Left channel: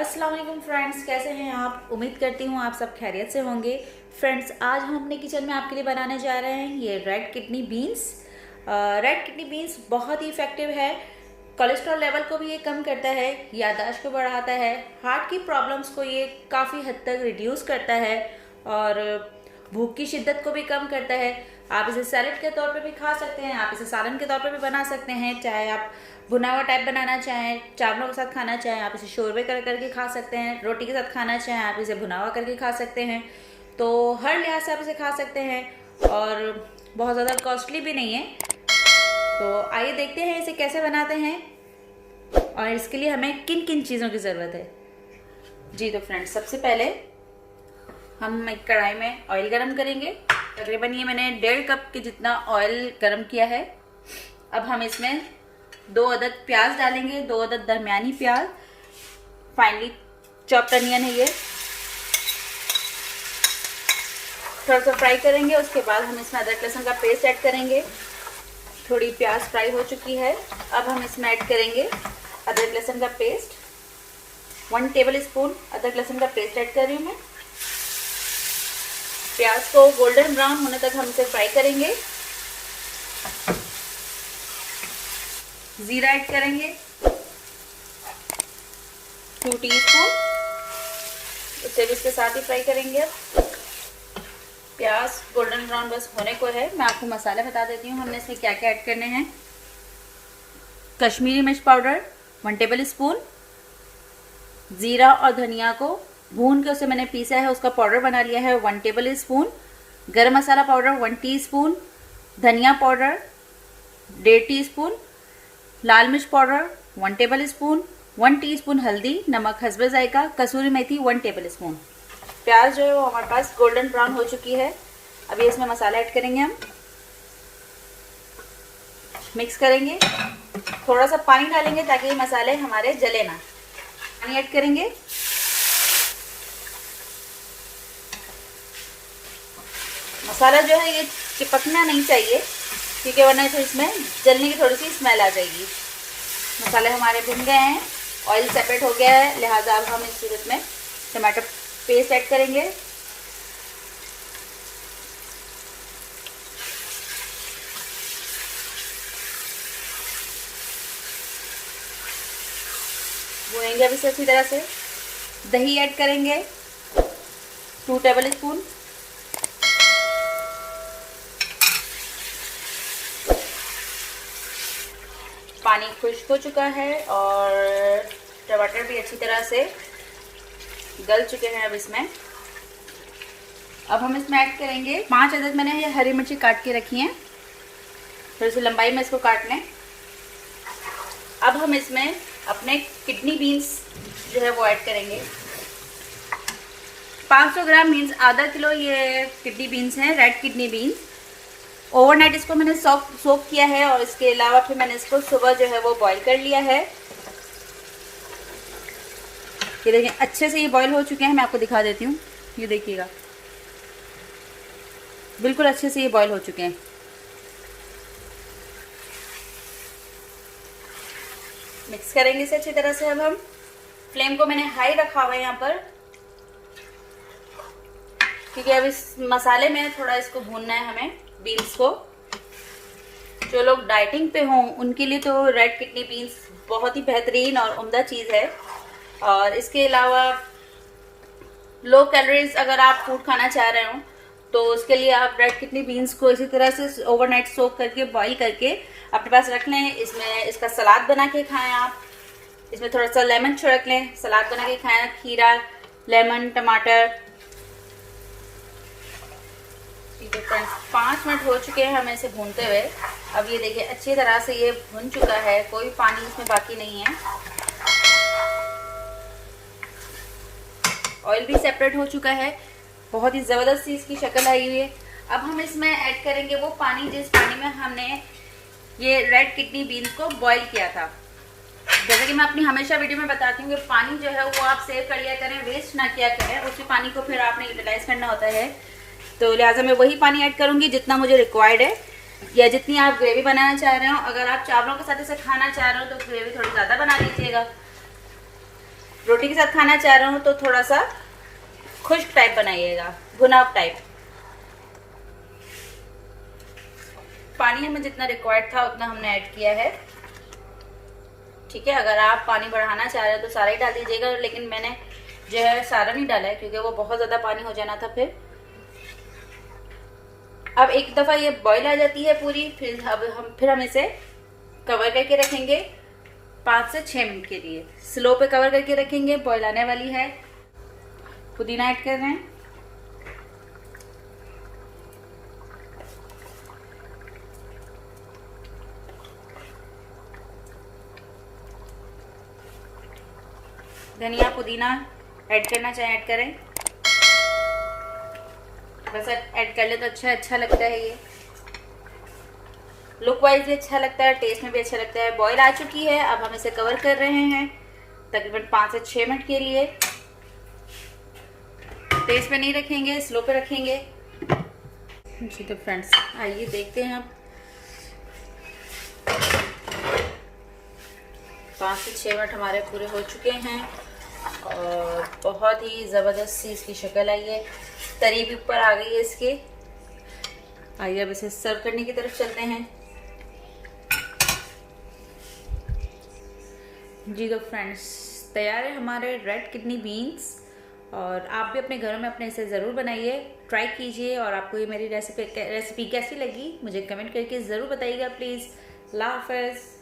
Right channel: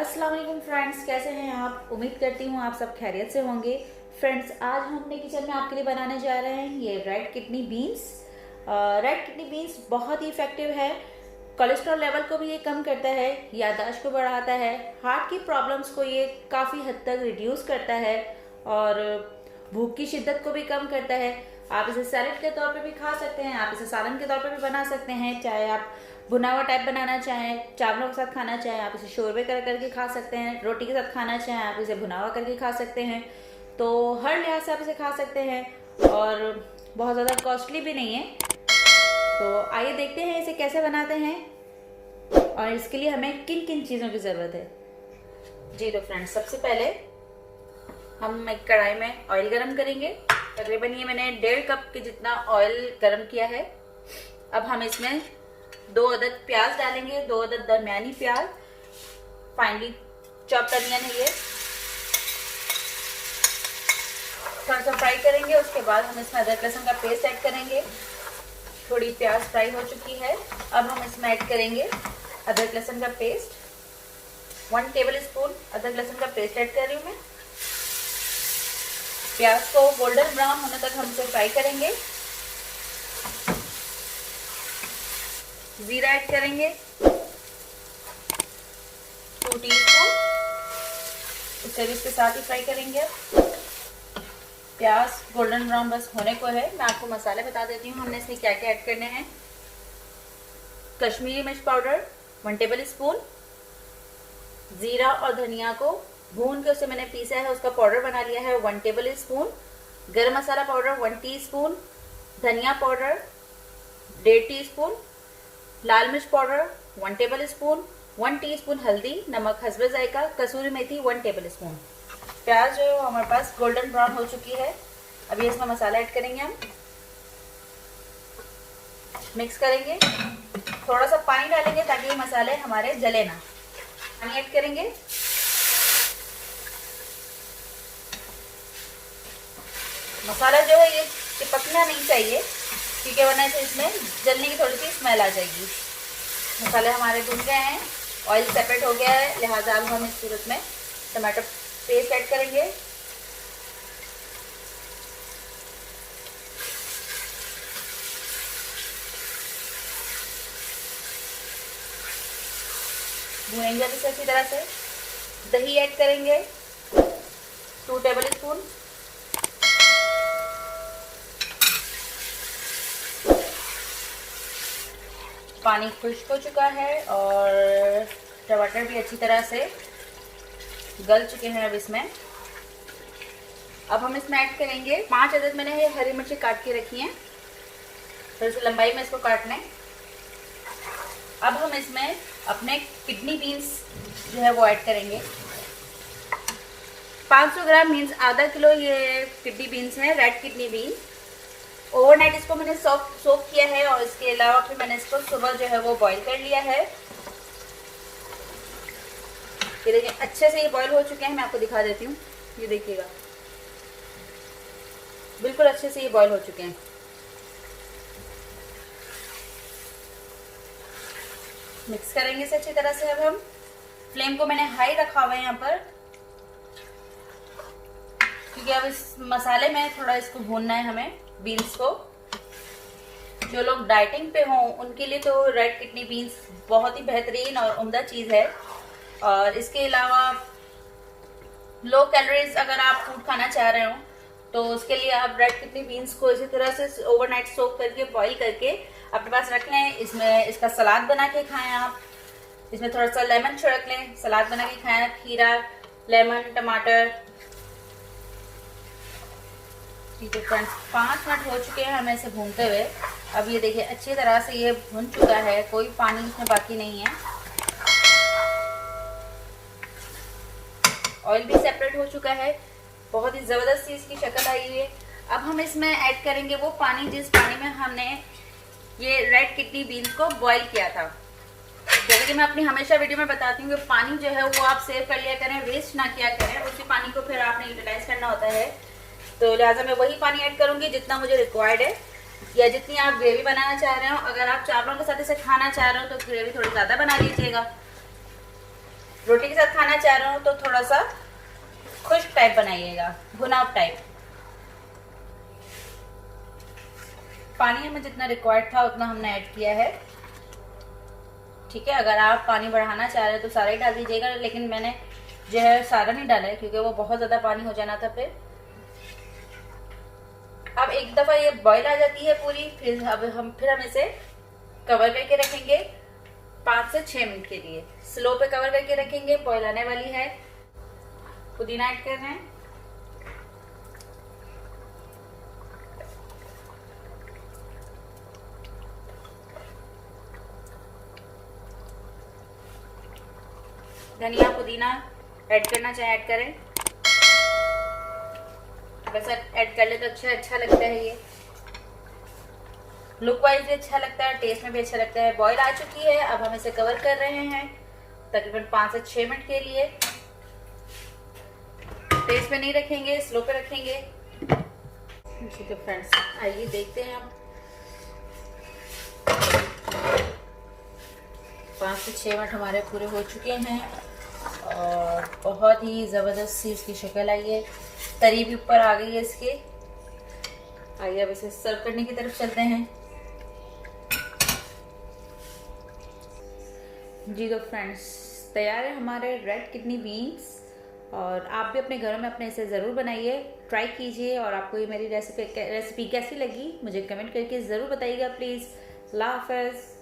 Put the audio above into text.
अस्सलाम वालेकुम फ्रेंड्स, कैसे हैं आप। उम्मीद करती हूँ आप सब खैरियत से होंगे। फ्रेंड्स, आज हम अपने किचन में आपके लिए बनाने जा रहे हैं ये red kidney beans. Red kidney beans बहुत ही इफेक्टिव है। कोलेस्ट्रॉल लेवल को भी ये कम करता है, याददाश्त को बढ़ाता है, हार्ट की प्रॉब्लम्स को ये काफ़ी हद तक रिड्यूस करता है और भूख की शिद्दत को भी कम करता है। आप इसे सैलेड के तौर पे भी खा सकते हैं, आप इसे सालन के तौर पे भी बना सकते हैं। चाहे आप भुना हुआ टाइप बनाना चाहें, चावलों के साथ खाना चाहें, आप इसे शोरबे करके खा सकते हैं। रोटी के साथ खाना चाहें, आप इसे भुना हुआ करके खा सकते हैं। तो हर लिहाज से आप इसे खा सकते हैं और बहुत ज़्यादा कॉस्टली भी नहीं है। तो आइए देखते हैं इसे कैसे बनाते हैं और इसके लिए हमें किन किन चीज़ों की ज़रूरत है। जी तो फ्रेंड्स, सबसे पहले हम एक कढ़ाई में ऑयल गरम करेंगे। तकरीबन ये मैंने 1.5 कप के जितना ऑयल गरम किया है। अब हम इसमें 2 अदद प्याज डालेंगे, 2 अदद दरमियानी प्याज, फाइनली चॉप्ड अनियन है ये। थोड़ा सा फ्राई करेंगे, उसके बाद हम इसमें अदरक लहसुन का पेस्ट ऐड करेंगे। थोड़ी प्याज फ्राई हो चुकी है, अब हम इसमें ऐड करेंगे अदरक लहसुन का पेस्ट। 1 टेबल स्पून अदरक लहसुन का पेस्ट ऐड कर रही हूँ मैं। प्याज को गोल्डन ब्राउन होने तक हम इसे फ्राई करेंगे। जीरा ऐड करेंगे 2 टीस्पून, इसे भी इसके साथ ही फ्राई करेंगे। प्याज गोल्डन ब्राउन बस होने को है। मैं आपको मसाले बता देती हूँ हमने इसमें क्या क्या ऐड करने हैं। कश्मीरी मिर्च पाउडर 1 टेबल स्पून, जीरा और धनिया को भून के उसे मैंने पीसा है, उसका पाउडर बना लिया है 1 टेबल स्पून। गरम मसाला पाउडर 1 टीस्पून, धनिया पाउडर 1.5 टीस्पून, लाल मिर्च पाउडर 1 टेबल स्पून, 1 टीस्पून हल्दी, नमक हस्बे जायका, कसूरी मेथी 1 टेबल स्पून। प्याज जो है वो हमारे पास गोल्डन ब्राउन हो चुकी है। अभी इसमें मसाला ऐड करेंगे, हम मिक्स करेंगे। थोड़ा सा पानी डालेंगे ताकि ये मसाले हमारे जले ना। पानी ऐड करेंगे। मसाला जो है ये चिपकना नहीं चाहिए क्योंकि वरना से इसमें जलने की थोड़ी सी स्मेल आ जाएगी। मसाले हमारे भुन गए हैं, ऑयल सेपरेट हो गया है, लिहाजा अब हम इस सूरत में टमाटर पेस्ट ऐड करेंगे। भुनेंगे अभी इसी तरह से। दही ऐड करेंगे 2 टेबल स्पून। पानी खुश्क हो चुका है और टमाटर भी अच्छी तरह से गल चुके हैं। अब इसमें हम ऐड करेंगे 5 अदद मैंने ये हरी मिर्ची काट के रखी हैं, थोड़ी सी लंबाई में इसको काट लें। अब हम इसमें अपने किडनी बीन्स जो है वो ऐड करेंगे। 500 ग्राम मीन्स आधा किलो ये किडनी बीन्स हैं, रेड किडनी बीन्स। ओवरनाइट इसको मैंने सोक किया है और इसके अलावा फिर मैंने इसको सुबह जो है वो बॉईल कर लिया है। ये देखिए अच्छे से ये बॉईल हो चुके हैं। मैं आपको दिखा देती हूँ, ये देखिएगा बिल्कुल अच्छे से ये बॉईल हो चुके हैं। मिक्स करेंगे इसे अच्छी तरह से। अब हम फ्लेम को मैंने हाई रखा हुआ है यहाँ पर क्योंकि अब इस मसाले में थोड़ा इसको भूनना है हमें, बीन्स को। जो लोग डाइटिंग पे हों उनके लिए तो रेड किडनी बीन्स बहुत ही बेहतरीन और उम्दा चीज़ है। और इसके अलावा लो कैलोरीज अगर आप फूड खाना चाह रहे हो तो उसके लिए आप रेड किडनी बीन्स को इसी तरह से ओवरनाइट सोक करके बॉईल करके अपने पास रख लें। इसमें इसका सलाद बना के खाएं आप। इसमें थोड़ा सा लेमन छिड़क लें, सलाद बना के खाएं। खीरा, लेमन, टमाटर। ठीक है फ्रेंड्स, 5 मिनट हो चुके हैं हमें इसे भूनते हुए। अब ये देखिए अच्छी तरह से ये भुन चुका है, कोई पानी इसमें बाकी नहीं है। ऑयल भी सेपरेट हो चुका है, बहुत ही ज़बरदस्त सी इसकी शक्ल आई हुई है। अब हम इसमें ऐड करेंगे वो पानी जिस पानी में हमने ये रेड किडनी बीन्स को बॉईल किया था। जैसे कि मैं अपनी हमेशा वीडियो में बताती हूँ कि पानी जो है वो आप सेव कर लिया करें, वेस्ट ना किया करें। उसी पानी को फिर आपने यूटिलाइज करना होता है। तो लिहाजा मैं वही पानी ऐड करूँगी जितना मुझे रिक्वायर्ड है या जितनी आप ग्रेवी बनाना चाह रहे हो। अगर आप चावलों के साथ इसे खाना चाह रहे हो तो ग्रेवी थोड़ी ज़्यादा बना लीजिएगा। रोटी के साथ खाना चाह रहा हूँ तो थोड़ा सा खुश्क टाइप बनाइएगा, भुनाव टाइप। पानी हमें जितना रिक्वायर्ड था उतना हमने ऐड किया है। ठीक है, अगर आप पानी बढ़ाना चाह रहे हैं तो सारा ही डाल दीजिएगा, लेकिन मैंने जो है सारा नहीं डाला है क्योंकि वो बहुत ज्यादा पानी हो जाना था फिर। अब एक दफा ये बॉईल आ जाती है पूरी, फिर हम इसे कवर करके रखेंगे 5 से 6 मिनट के लिए। स्लो पे कवर करके रखेंगे, बॉईल आने वाली है। पुदीना ऐड कर रहे हैं। धनिया पुदीना ऐड करना चाहे ऐड करें, बस ऐड कर ले तो अच्छा लगता है। ये लुक वाइज भी अच्छा लगता है, टेस्ट में भी अच्छा लगता है। बॉईल आ चुकी है, अब हम इसे कवर कर रहे हैं तकरीबन 5 से 6 मिनट के लिए। तेज पे नहीं रखेंगे, स्लो पे रखेंगे। जी तो फ्रेंड्स आइए देखते हैं अब 5 से 6 मिनट हमारे पूरे हो चुके हैं और बहुत ही ज़बरदस्त सी इसकी शक्ल आई है, तरी भी ऊपर आ गई है इसके। आइए अब इसे सर्व करने की तरफ चलते हैं। जी तो फ्रेंड्स तैयार है हमारे रेड किडनी बीन्स, और आप भी अपने घरों में अपने इसे ज़रूर बनाइए, ट्राई कीजिए। और आपको ये मेरी रेसिपी कैसी लगी मुझे कमेंट करके ज़रूर बताइएगा प्लीज़। अल्लाह हाफ़िज़।